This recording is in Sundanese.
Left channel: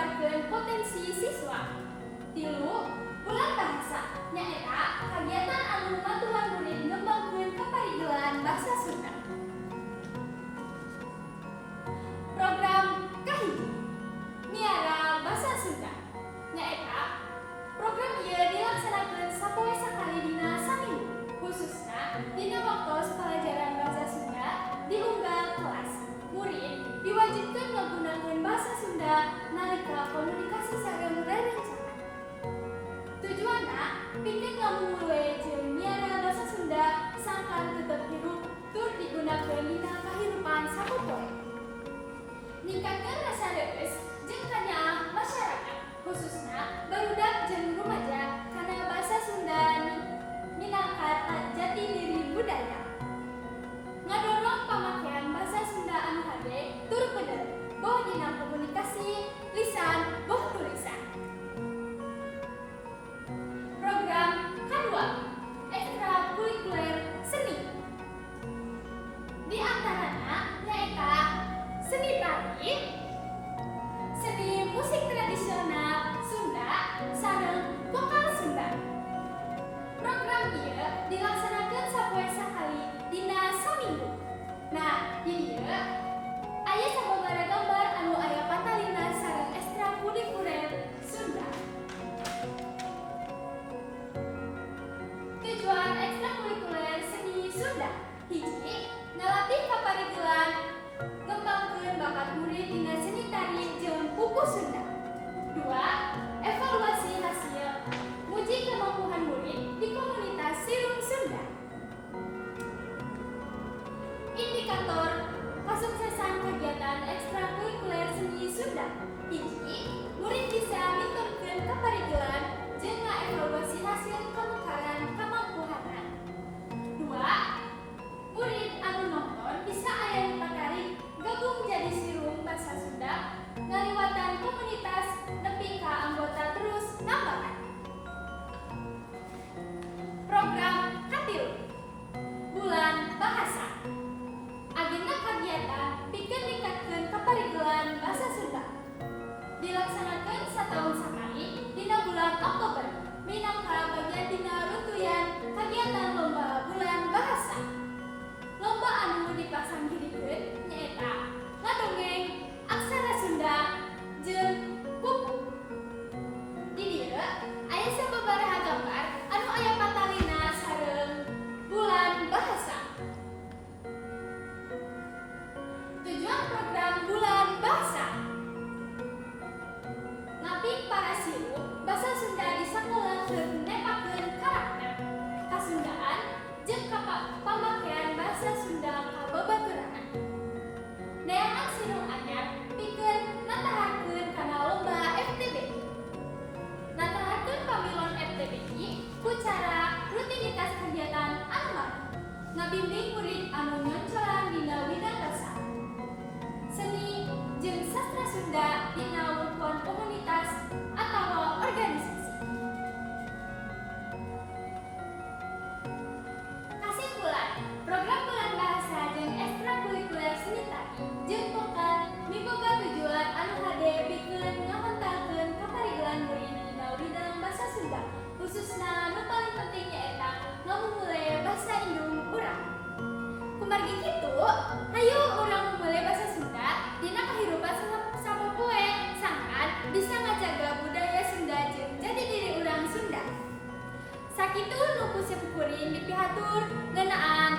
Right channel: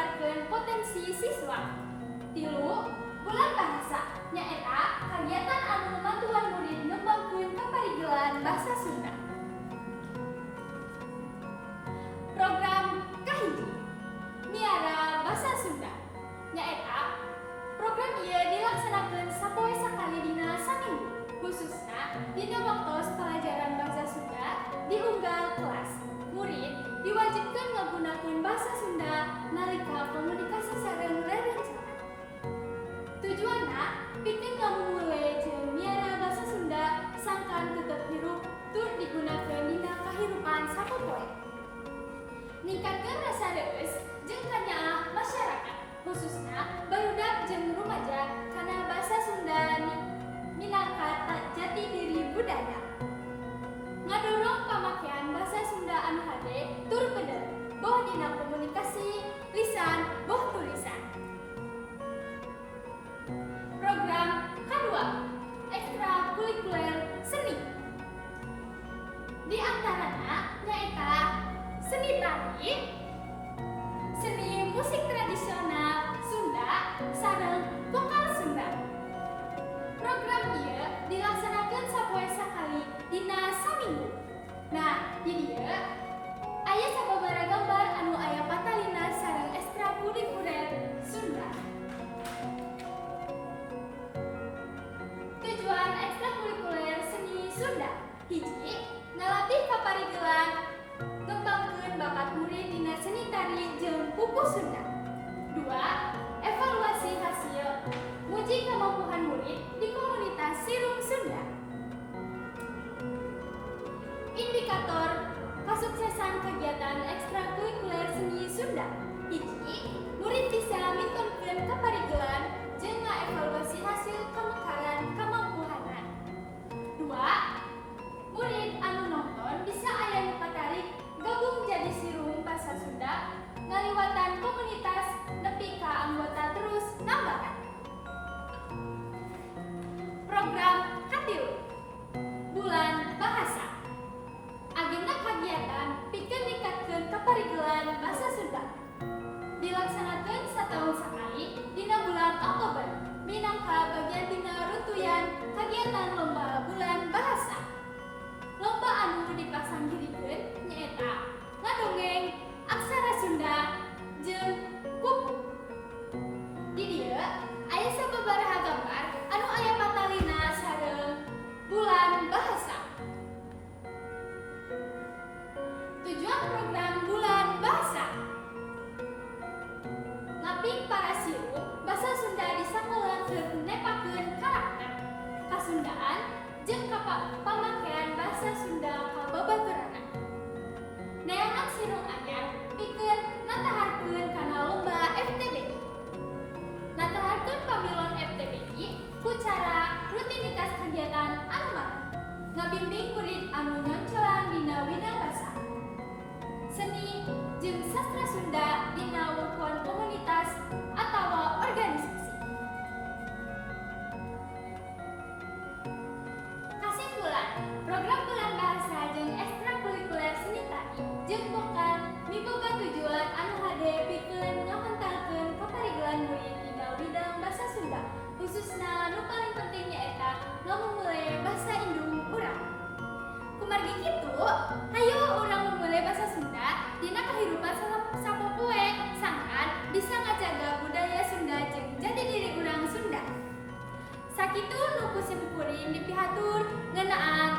ningkatkeun potensi siswa. 3. Bulan bahasa nyaeta kagiatan anu membantuan murid ngembangkeun kaparigelan basa Sunda. Program kahiji Miara Basa Sunda nyaeta program ieu dilaksanakeun sapoe sakali dina saminggu, khususna dina waktos pelajaran basa Sunda di unggal kelas. Murid diwajibkeun ngagunakeun basa Sunda nalika komunikasi sareng rerencangan. Tujuanna pikeun ngamumule jeung miara basa Sunda sangkan tetep hirup tur digunakeun dina kahirupan sapopoe. Ningkatkeun rasa reueus jeung kanyaah masyarakat, khususna barudak jeung rumaja kana basa Sunda minangka jati diri budaya. Ngadorong pamakaian basa Sunda anu hade tur bener boh dina komunikasi lisan boh tulisan. Program kedua ekstrakurikuler seni. Di antaranya nyaeta seni tari, seni musik tradisional Sunda, sareng vokal Sunda. Program ieu dilaksanakeun sapoe sakali dina saminggu. Nah, di dieu aya sababaraha gambar anu aya patalina sareng ekstrakurikuler Sunda. Tujuan ekstrakurikuler seni Sunda: hiji, ngalatih kaparigelan ngembangkeun bakat murid dina seni tari jeung pupu Sunda. 2. Evaluasi hasil nguji kemampuan murid di komunitas Silung Sunda. Indikator kesuksesan kegiatan ekstrakurikuler seni Sunda: hiji, murid bisa miturkeun kaparigelan jeung ngaevaluasi hasil kemekaran kemampuanan. 2. Murid anu nonton bisa aya nu patarik gabung jadi silung basa Sunda ngaliwatan komunitas nepi ka anggota terus nambahan. Program katilu Bulan Bahasa. Agenda kagiatan pikeun ningkatkeun kaparigelan basa Sunda. Dilaksanakeun satahun sakali dina bulan Oktober minangka bagian dina runtuyan kagiatan lomba bulan bahasa. Lomba anu dipasangirikeun nyaeta ngadongeng aksara Sunda jeung kupu. Di dieu aya sababaraha gambar anu aya patalina sareng bulan bahasa. Tujuan program bulan bahasa: ngaping para silung basa Sunda di sakola keur nepakeun karakter, kasundaan jeung pamakaian basa Sunda ka babaturanna. Neangan silung anyar pikeun nataharkeun kana lomba FTBI. Nataharkeun pamilon FTBI ku cara rutinitas kegiatan anu mara, ngabimbing murid anu nyoncolan dina widang basa, seni jeung sastra Sunda dina lingkungan komunitas atawa organisasi. Kasimpulan, program bulan bahasa jeung ekstrakurikuler seni tari jeung vokal miboga tujuan anu hade pikeun ngahentalkeun kaparigelan murid dina widang basa Sunda, khususna nu paling penting nyaeta ngamumule basa indung urang. Kumargi kitu, hayu urang mumule basa Sunda dina kahirupan sapopoe sangkan bisa ngajaga budaya Sunda jeung jati diri urang Sunda. Sakitu nu ku sepupuring dipihatur ngeunaan